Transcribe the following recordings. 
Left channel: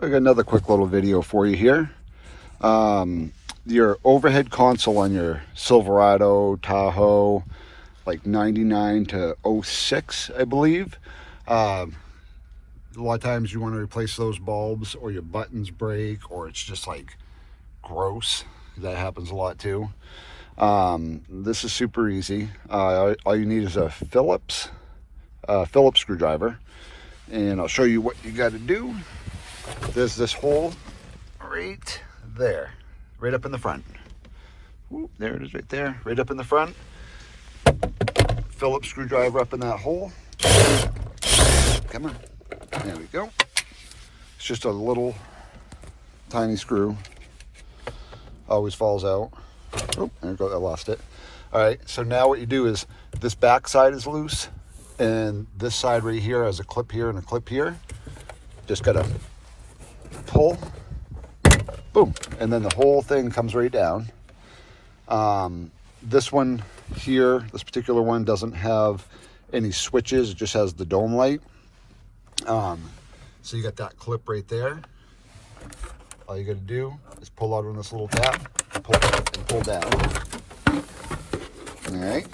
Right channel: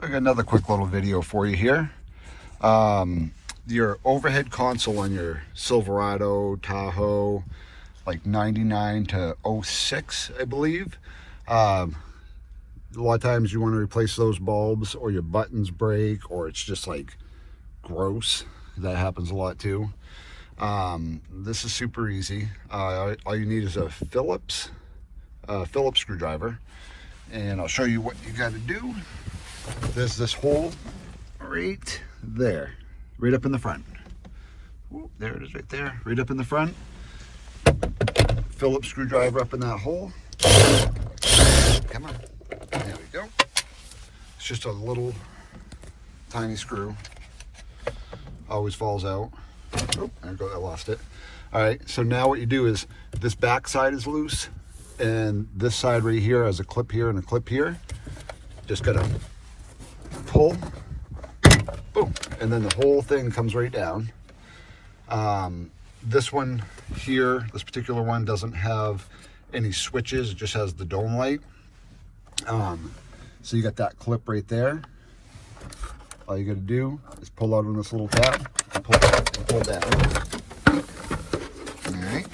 I got another quick little video for you here. Your overhead console on your Silverado, Tahoe, like 99 to 06, I believe. A lot of times you want to replace those bulbs, or your buttons break, or it's just like gross. That happens a lot too. This is super easy. All you need is a Phillips screwdriver, and I'll show you what you got to do. There's this hole right there, right up in the front. Whoop, there it is right there, right up in the front. Phillips screwdriver up in that hole. Come on, there we go. It's just a little tiny screw. Always falls out. Oh, there we go, I lost it. All right, so now what you do is this back side is loose, and this side right here has a clip here and a clip here. Just gotta pull, boom, and then the whole thing comes right down. This one here, this particular one, doesn't have any switches. It just has the dome light. So you got that clip right there. All you got to do is pull out on this little tab, pull down. All right.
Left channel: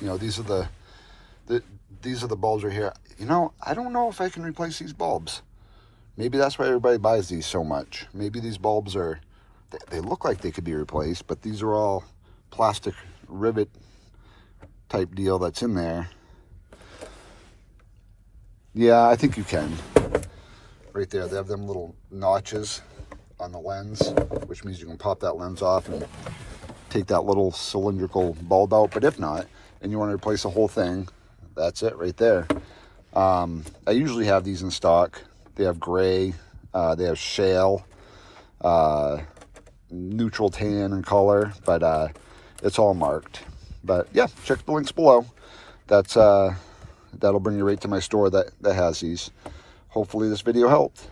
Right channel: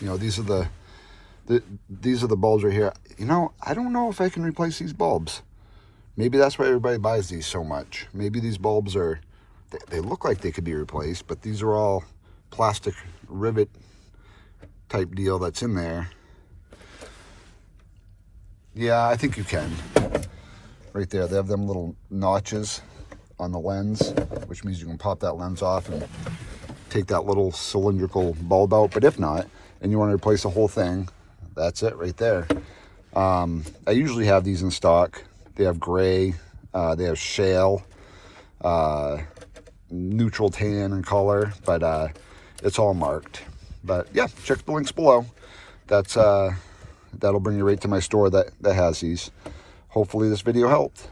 You know, these are the bulbs right here. You know, I don't know if I can replace these bulbs. Maybe that's why everybody buys these so much. Maybe these bulbs are, they look like they could be replaced, but these are all plastic rivet type deal that's in there. Yeah, I think you can. Right there, they have them little notches on the lens, which means you can pop that lens off and take that little cylindrical bulb out. But if not, and you want to replace the whole thing, that's it right there. I usually have these in stock. They have gray, they have shale, neutral tan in color, but it's all marked. But yeah, check the links below. That'll bring you right to my store that has these. Hopefully this video helped.